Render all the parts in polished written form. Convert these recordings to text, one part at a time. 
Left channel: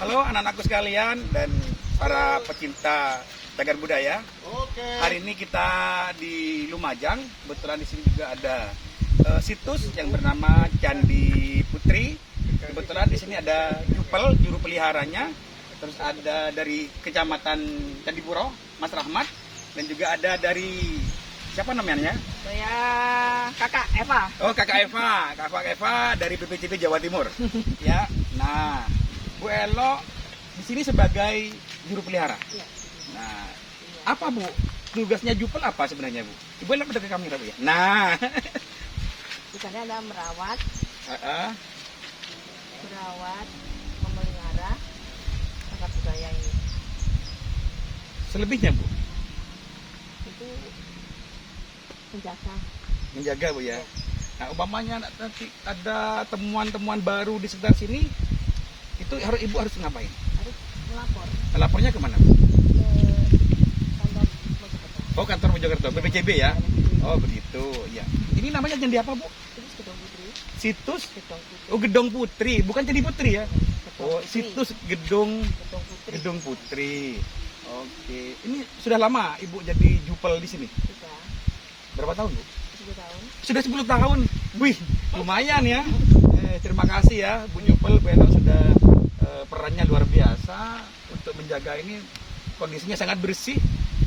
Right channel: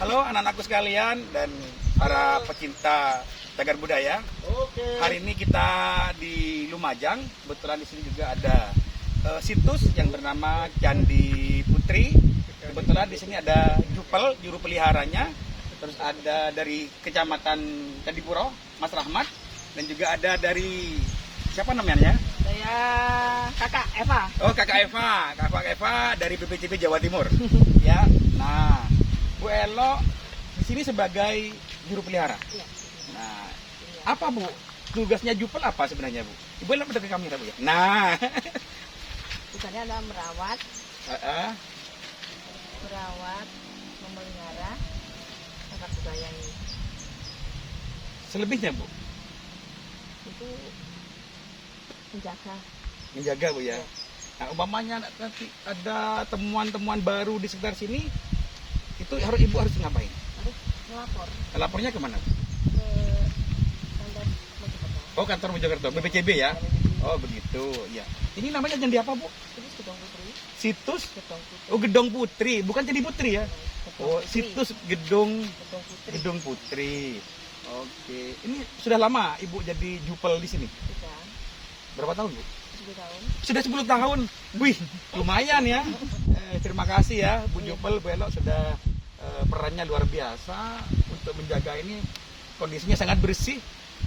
Halo anak-anakku sekalian dan para pecinta cagar budaya. Hari ini kita di Lumajang. Kebetulan di sini juga ada situs yang bernama Candi Putri. Kebetulan di sini ada Jupel, juru peliharanya. Terus ada dari Kecamatan Candipuro, Mas Rahmat. Dan juga ada dari siapa namanya? Saya Kakak Eva. Oh, Kakak Eva dari BPCB Jawa Timur. Ya. Nah, Bu Elo di sini sebagai juru pelihara. Iya. Nah, apa Bu? Tugasnya Jupel apa sebenarnya Bu? Ibu Elo ke kamera Bu ya. Nah, Di sana ada merawat, memelihara cagar budaya ini. selebihnya Bu, Itu menjaga. menjaga Bu ya. Nah, umpamanya nanti ada temuan-temuan baru di sekitar sini, itu Ibu harus ngapain? Harus melapor Lapornya kemana Bu? ke kantor Mojokerto. Oh, kantor Mojokerto, BPCB ya. Oh, begitu ya. Ini namanya candi apa Bu? Terus Gedong Putri. Situs Gedong Putri. Oh, Gedong Putri, bukan Candi Putri ya. Gedong Oh, Putri. situs Gedong Gedong Putri. Oke. Ini sudah lama Ibu jadi Jupel di sini? Sudah Berapa tahun, Bu? 10 tahun. Sudah 10 tahun. Wih, lumayan ya. Terima kasih ya Bu Jupel, Bu Elo sudah perannya luar biasa untuk menjaga ini. Kondisinya sangat bersih,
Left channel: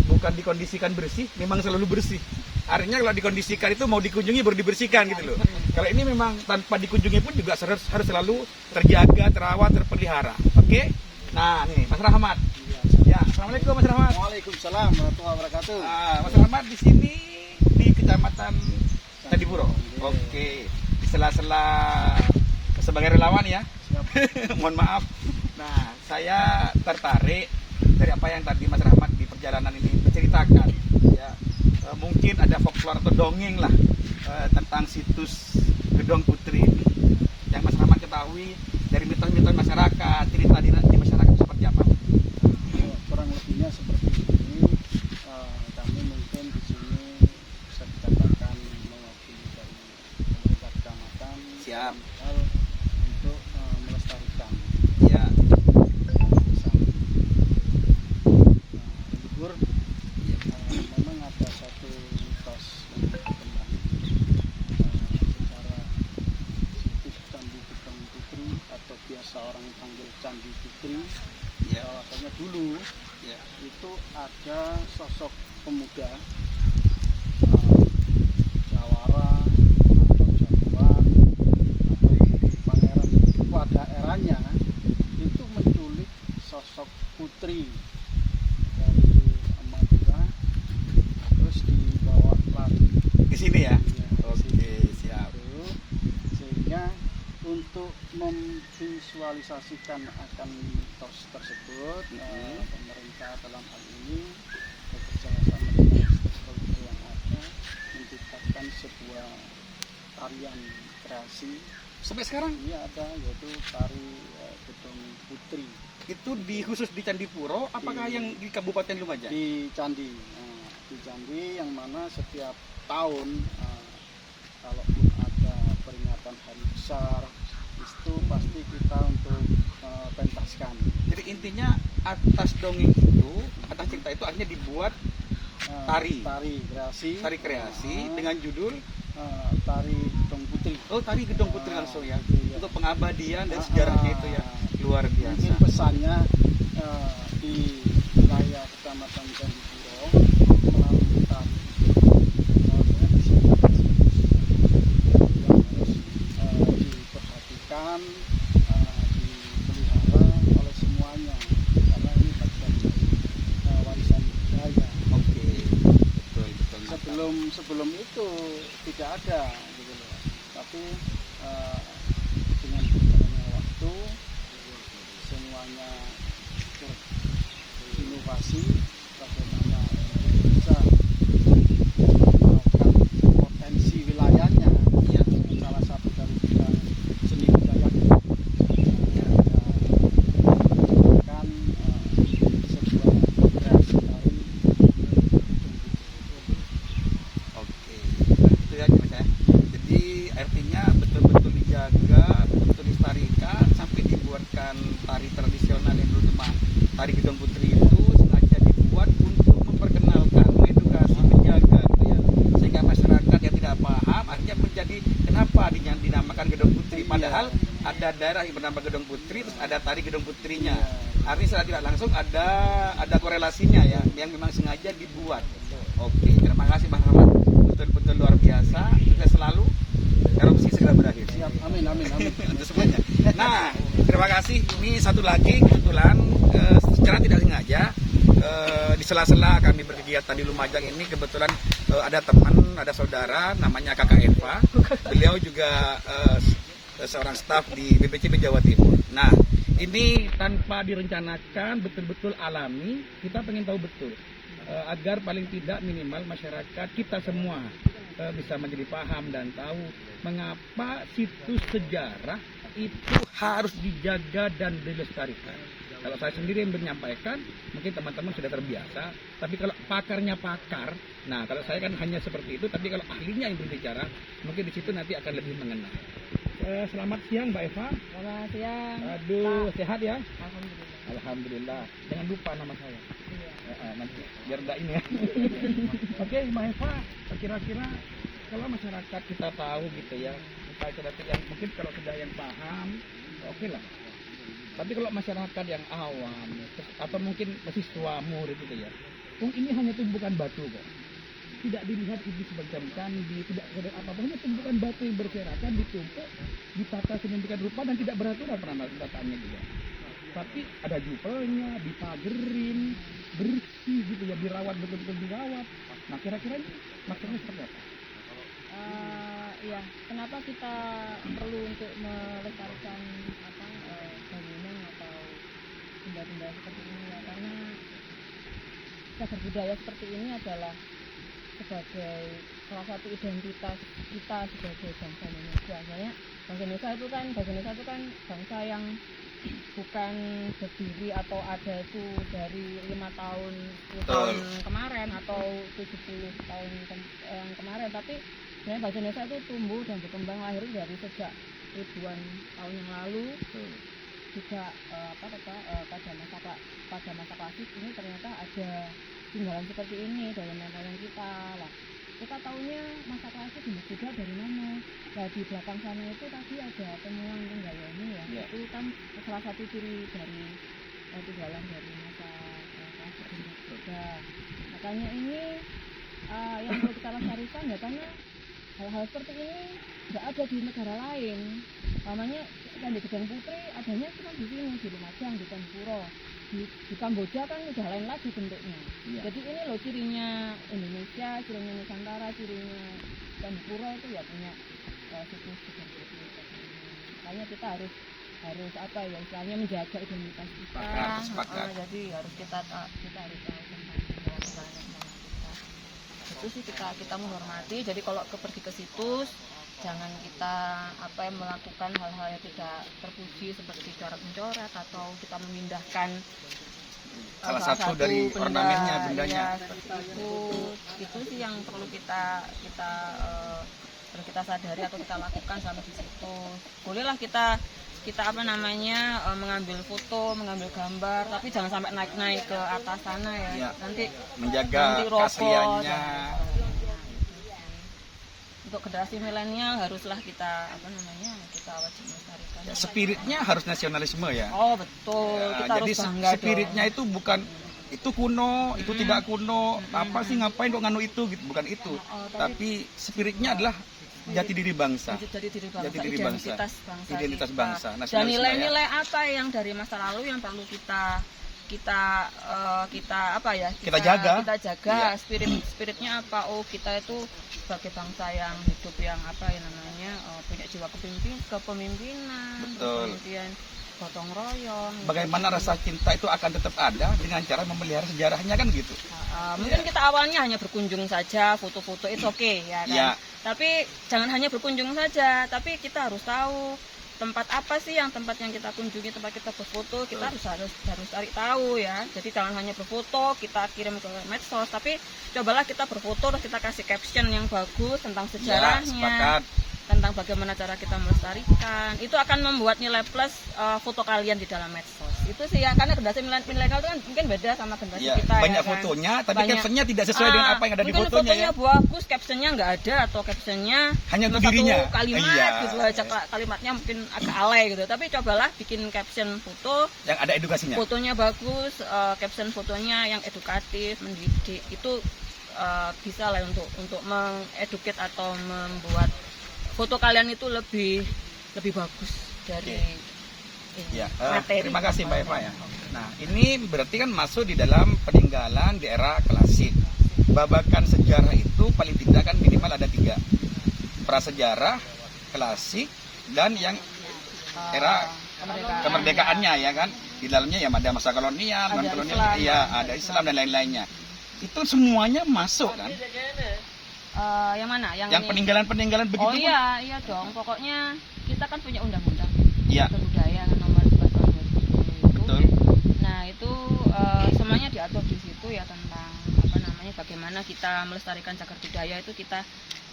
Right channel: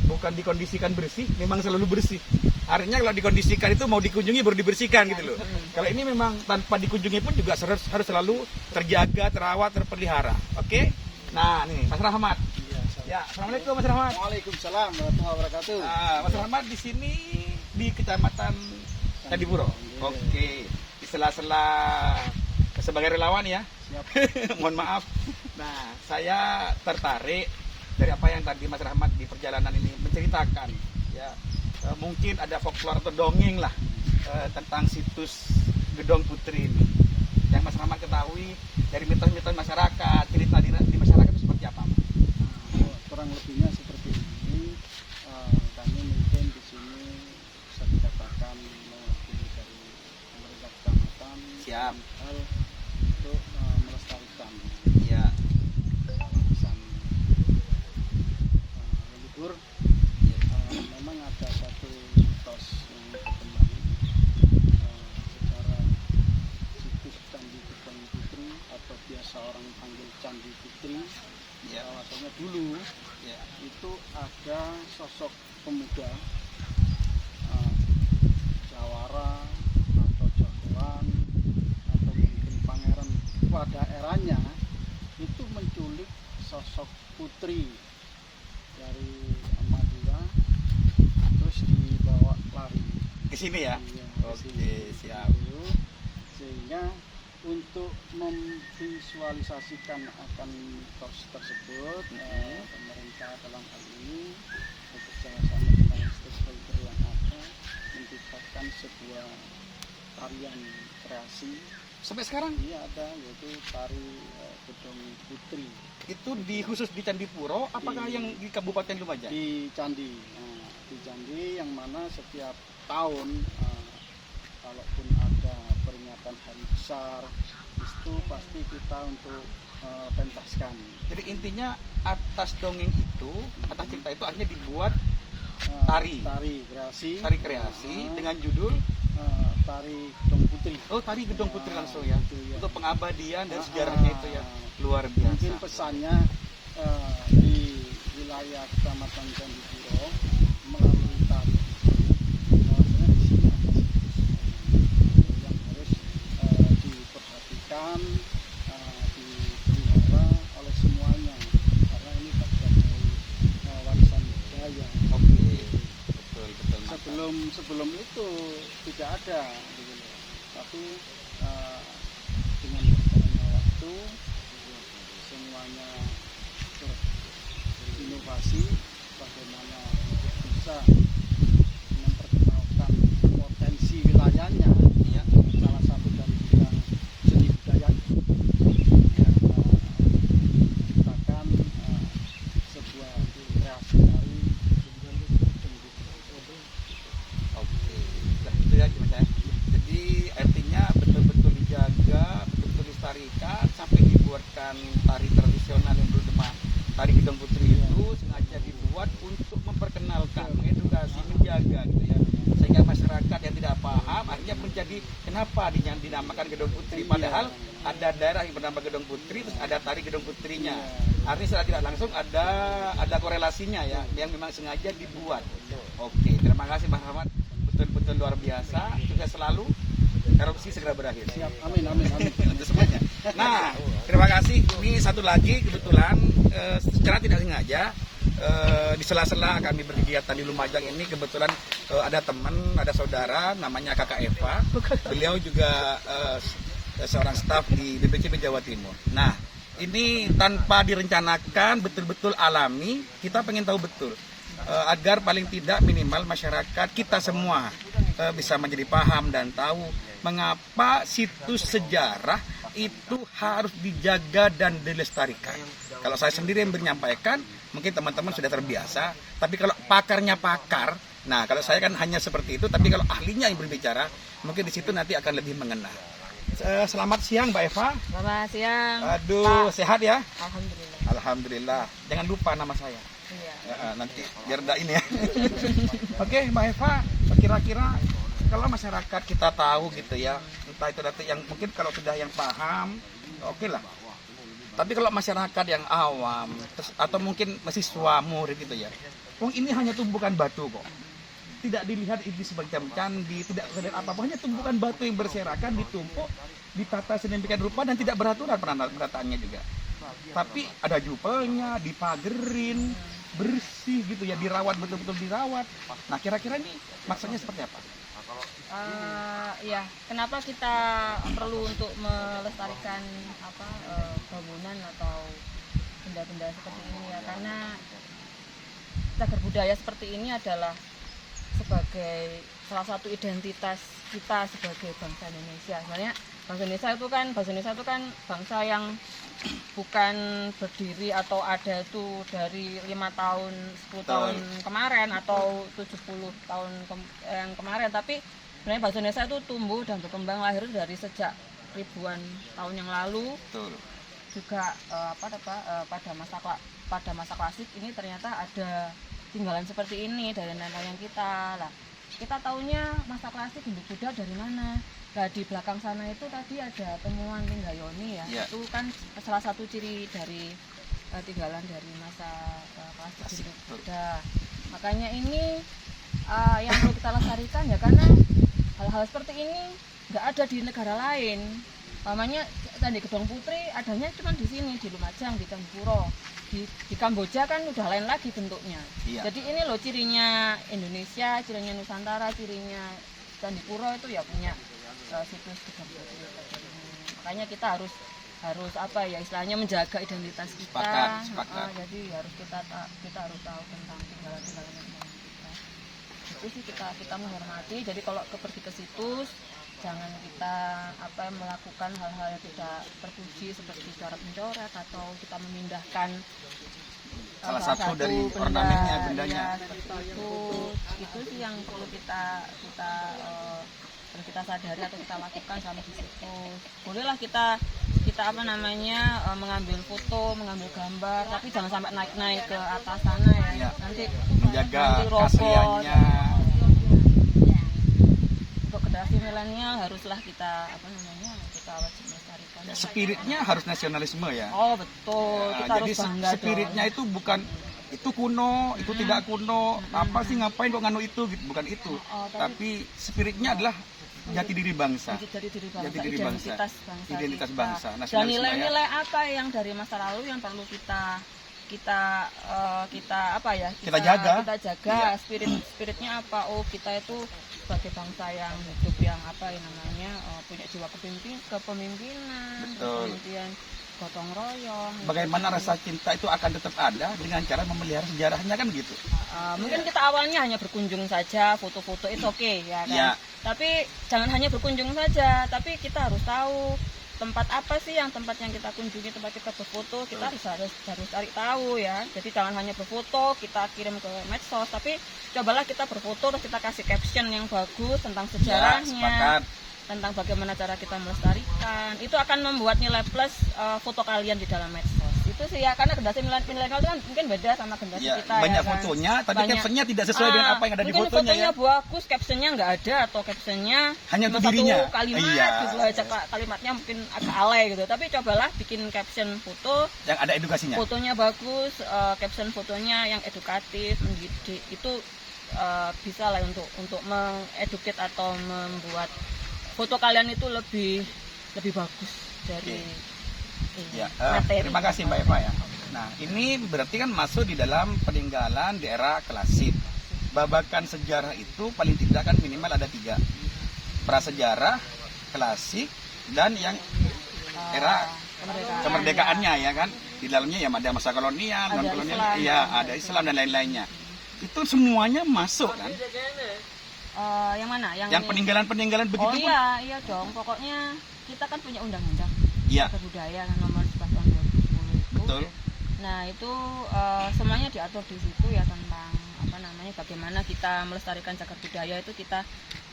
bukan dikondisikan bersih, memang selalu bersih. Artinya kalau dikondisikan itu mau dikunjungi baru dibersihkan gitu loh. Kalau ini memang tanpa dikunjungi pun juga harus selalu terjaga, terawat, terpelihara. Oke? Nah, nih Mas Rahmat. Ya, Assalamualaikum Mas Rahmat. Waalaikumsalam warahmatullahi wabarakatuh. Mas Rahmat di sini di Kecamatan Candipuro. Oke. Di sela-sela sebagai relawan ya. Siap. Mohon maaf. Nah, saya tertarik dari apa yang tadi Mas Rahmat di perjalanan ini menceritakan ya. Mungkin ada folklore atau dongeng lah tentang situs Gedong Putri ini yang Mas Rahmat ketahui dari mitos-mitos masyarakat, cerita di masyarakat seperti apa? Kurang lebihnya seperti ini. Kami mungkin di sini bisa dikatakan mewakili dari pemerintah kecamatan. Siap. Hal untuk melestarikan Ya. desain leluhur. Ya. Memang ada satu mitos yang berkembang secara situs Candi Gedong Putri atau biasa orang panggil Candi Putri. Ya. Bahwasanya dulu Ya. itu ada sosok pemuda jawara atau jagoan atau mungkin pangeran pada eranya itu menculik sosok putri dari Madura terus dibawa lari Di sini ya. Ya, Oke, siap. itu. Sehingga untuk memvisualisasikan akan mitos tersebut, pemerintah dalam hal ini bekerja sama dengan stakeholder yang ada menciptakan sebuah tarian kreasi. Sampai sekarang Ini ada yaitu tari Gedong Putri itu khusus di Candipuro, apakah yang di Kabupaten Lumajang? di Candi. Di Candi yang mana setiap tahun kalaupun ada peringatan hari besar itu pasti kita untuk pentaskan. Jadi intinya atas dongeng itu, atas cerita itu akhirnya dibuat tari kreasi dengan judul tari Gedong Putri. oh tari Gedong Putri langsung ya. Itu ya. Untuk pengabadian dan sejarahnya itu ya luar Mungkin biasa. pesannya di wilayah Kecamatan Candipuro melalui tari bahwasanya di sini ada yang harus diperhatikan, dipelihara oleh semuanya karena ini bagian dari warisan budaya. Oke, betul mantap. Sebelum itu tidak ada gitu loh. Tapi dengan berjalannya waktu semuanya berinovasi bagaimana untuk bisa melakukan potensi wilayahnya. Ya. Salah satu dari bidang seni budaya ya, kan sebuah kreasi tari. Oke, nah, itu ya Mas ya. Jadi artinya betul-betul dijaga, betul-betul dilestarikan sampai dibuatkan menggunakan tari tradisional yang dulu cuma tari Gedong Putri itu sengaja dibuat untuk memperkenalkan, mengedukasi, menjaga gitu ya, sehingga masyarakat yang tidak paham akhirnya menjadi kenapa dinamakan Gedong Putri, padahal ada daerah yang bernama Gedong Putri terus ada tari Gedong Putrinya. Artinya secara tidak langsung ada korelasinya ya, yang memang sengaja dibuat. Oke, terima kasih Bang Rahmat, betul-betul luar biasa. Sukses selalu, erupsi segera berakhir. Siap, amin, amin, amin. Untuk semuanya. Nah, terima kasih. Ini satu lagi kebetulan secara tidak sengaja di sela-sela kami berkegiatan di Lumajang ini kebetulan ada teman, ada saudara namanya Kakak Eva. Beliau juga seorang staf di BPCB Jawa Timur. Nah, ini tanpa direncanakan, betul-betul alami. Kita pengen tahu betul agar paling tidak minimal masyarakat kita semua bisa menjadi paham dan tahu mengapa situs sejarah itu harus dijaga dan dilestarikan. Kalau saya sendiri yang menyampaikan, mungkin teman-teman sudah terbiasa, tapi kalau pakarnya pakar, nah kalau saya kan hanya seperti itu, tapi kalau ahlinya yang berbicara, mungkin di situ nanti akan lebih mengena. Selamat siang Mbak Eva. Selamat siang. Aduh, Pak. sehat ya? Alhamdulillah. Alhamdulillah. Jangan lupa nama saya. Iya. Nanti biar enggak ini ya. Oke, Mbak Eva, kira-kira kalau masyarakat kita tahu gitu ya, entah itu nanti yang mungkin kalau sudah yang paham, oke lah. Tapi kalau masyarakat yang awam atau mungkin mahasiswa murid gitu ya, ini hanya tumpukan batu kok. Tidak dilihat ini sebagai candi, tidak terlihat apa-apa, hanya tumpukan batu yang berserakan, ditumpuk, ditata sedemikian rupa dan tidak beraturan penataannya juga. Tapi ada jupelnya, dipagerin, bersih gitu ya, dirawat, betul-betul dirawat. Nah, kira-kira ini maksudnya seperti apa? Ya, kenapa kita perlu untuk melestarikan bangunan atau benda-benda seperti ini ya? Karena cagar budaya seperti ini adalah sebagai salah satu identitas kita sebagai bangsa Indonesia. Soalnya bangsa Indonesia itu kan bangsa yang bukan berdiri atau ada itu dari 5 tahun, 10 tahun kemarin atau 70 tahun yang kemarin, tapi sebenarnya bangsa Indonesia itu tumbuh dan berkembang lahir dari sejak ribuan tahun yang lalu. Betul. Juga pada masa klasik ini ternyata ada tinggalan seperti ini dari nenek moyang kita. Lah, kita taunya masa klasik bentuk Buddha dari mana? Nah, di belakang sana itu tadi ada temuan Linggayoni ya. Itu kan salah satu ciri dari tinggalan dari masa klasik bentuk Buddha. Makanya ini yang perlu kita lestarikan ya, karena hal-hal seperti ini nggak ada di negara lain. Namanya Candi Gedong Putri adanya cuma di sini, di Lumajang, di Candipuro. Di Kamboja kan udah lain lagi bentuknya. Iya. Jadi ini loh cirinya Indonesia, cirinya Nusantara, cirinya Candipuro itu ya punya situs Gedong Putri. Makanya kita harus apa ya, istilahnya menjaga identitas kita. Sepakat. Jadi harus kita harus tahu tentang tinggalan-tinggalan yang kita. Itu sih kita menghormati. Jadi kalau pergi ke situs, jangan kita melakukan hal-hal yang tidak terpuji seperti coret-mencoret atau kita memindahkan salah satu dari ornamennya, bendanya. Ya, seperti itu sih yang perlu kita sadari atau kita lakukan sama di situs. Bolehlah kita mengambil foto, mengambil gambar, tapi jangan sampai naik ke atas sana ya. Nanti menjaga roboh. keasliannya. Untuk generasi milenial haruslah kita wajib melestarikan. Ya, spiritnya harus nasionalisme ya. Oh betul, Ya, kita harus bangga dong. spiritnya itu bukan itu kuno, itu tidak kuno, apa sih ngapain kok nganu itu gitu, bukan itu. Tapi spiritnya adalah jati diri bangsa. Identitas bangsa. Identitas bangsa. Dan nilai-nilai apa yang dari masa lalu yang perlu kita jaga. Iya. Spiritnya apa? Oh, kita itu sebagai bangsa yang hidup yang punya jiwa kepemimpinan, betul. kemudian gotong royong. Bagaimana rasa cinta itu akan tetap ada dengan cara memelihara sejarahnya kan gitu. Mungkin kita awalnya hanya berkunjung saja, foto-foto itu oke ya kan. Ya. Tapi jangan hanya berkunjung saja, tapi kita harus tahu tempat apa sih yang kita kunjungi, tempat kita berfoto, kita harus cari tahu ya. Jadi jangan hanya berfoto kita kirim ke medsos, tapi cobalah kita berfoto terus kita kasih caption yang bagus tentang sejarahnya. Ya, sepakat. tentang bagaimana cara kita melestarikan. Itu akan membuat nilai plus foto kalian di dalam medsos. Itu sih ya, karena generasi milenial itu kan mungkin beda sama generasi Ya, kita banyak ya kan. fotonya, tapi Banyak. captionnya tidak sesuai dengan apa yang ada di Mungkin fotonya. fotonya Ya. bagus, captionnya nggak ada, atau captionnya Hanya untuk cuma dirinya. satu kalimat Iya. gitu loh, kalimatnya mungkin agak alay gitu. Tapi cobalah bikin caption foto, Yang ada edukasinya. fotonya bagus, caption fotonya yang edukatif, mendidik, itu bisa lah untuk mengeduket atau membuat foto kalian itu lebih bagus dari ini, Ya, materi. terima kasih Mbak Eva ya. Nah, ini berarti kan masuk di dalam peninggalan di era klasik. Babakan sejarah itu paling tidak kan minimal ada 3. Prasejarah, klasik, dan yang era kemerdekaannya ya kan. Di dalamnya ya ada masa kolonial, Ada non-kolonial, Islam. iya, ada Islam dan lain-lainnya. Itu semuanya masuk kan. Yang mana? Yang peninggalan-peninggalan begitu. Oh iya dong. Pokoknya kita kan punya undang-undang Iya, kebudayaan nomor 11 tahun 2010 itu. betul. Nah itu semuanya diatur di situ ya, tentang apa namanya, bagaimana kita melestarikan cagar budaya itu kita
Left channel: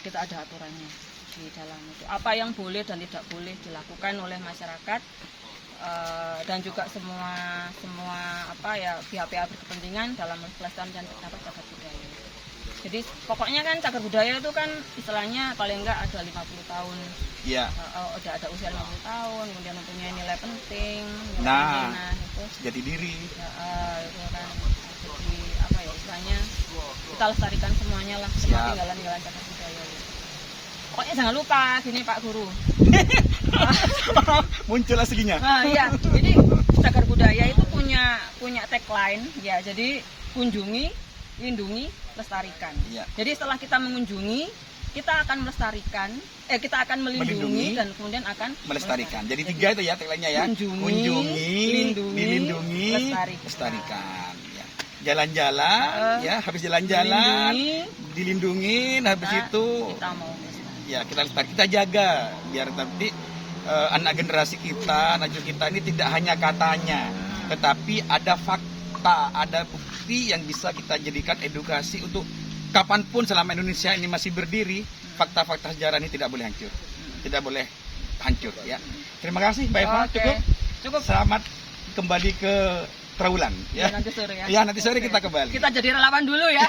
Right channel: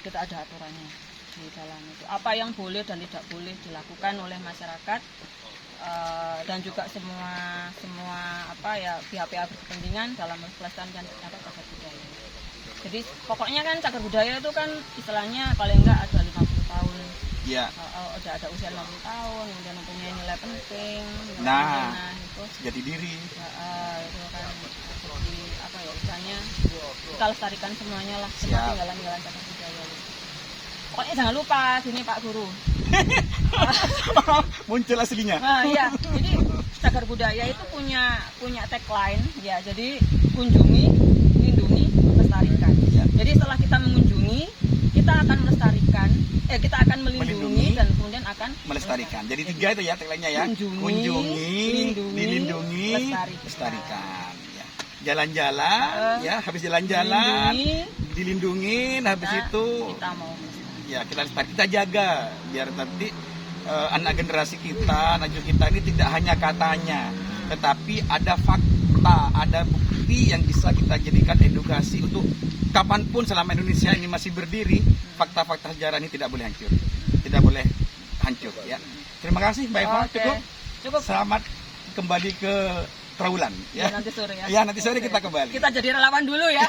ada aturannya di dalam itu. Apa yang boleh dan tidak boleh dilakukan oleh masyarakat, dan juga semua apa ya, pihak-pihak berkepentingan dalam melestarikan cagar budaya. Jadi pokoknya kan cagar budaya itu kan istilahnya paling enggak ada 50 tahun. Iya. Udah ada usia 50 tahun, kemudian mempunyai nilai penting, Nah. itu Jati diri. ya, itu kan jadi apa ya, istilahnya kita lestarikan semuanya lah, semua Siap. tinggalan cagar budaya itu. Pokoknya jangan lupa gini Pak Guru. Muncul aslinya. Nah, iya. Jadi cagar budaya itu punya tagline ya. Jadi kunjungi, lindungi, lestarikan. Ya. Jadi setelah kita mengunjungi, kita akan melestarikan, kita akan melindungi dan kemudian akan Melestarikan. Jadi 3 itu ya tagline-nya ya. Kunjungi, lindungi, dilindungi, lestarikan. lestarikan. Ya. Jalan-jalan, ya habis jalan-jalan, dilindungin, habis Nah, itu kita mau melestarikan. ya kita lestarikan, kita jaga biar nanti anak generasi kita, anak cucu kita ini tidak hanya katanya, tetapi ada fakta, ada bukti yang bisa kita jadikan edukasi untuk kapanpun selama Indonesia ini masih berdiri, fakta-fakta sejarah ini tidak boleh hancur, tidak boleh hancur ya. Terima kasih Mbak Eva, Oke. Cukup. Selamat kembali ke Trawulan Ya, ya. nanti sore ya. Ya, nanti sore Oke. kita kembali. Kita jadi relawan dulu ya.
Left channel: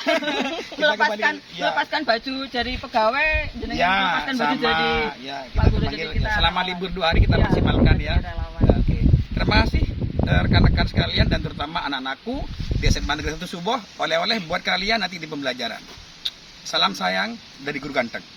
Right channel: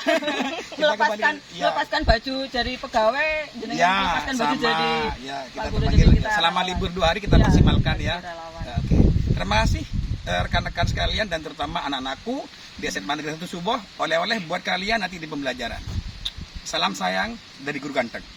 melepaskan kembali, ya. melepaskan baju dari pegawai, jenengan Ya, melepaskan baju sama jadi ya Pak kita Guru, panggil jadi kita selama relawan. libur 2 hari kita Ya, maksimalkan jadi ya. relawan. Oke. Terima kasih rekan-rekan sekalian dan terutama anak-anakku di SMA Negeri 1 Suboh, oleh-oleh buat kalian nanti di pembelajaran. Salam sayang dari Guru Ganteng.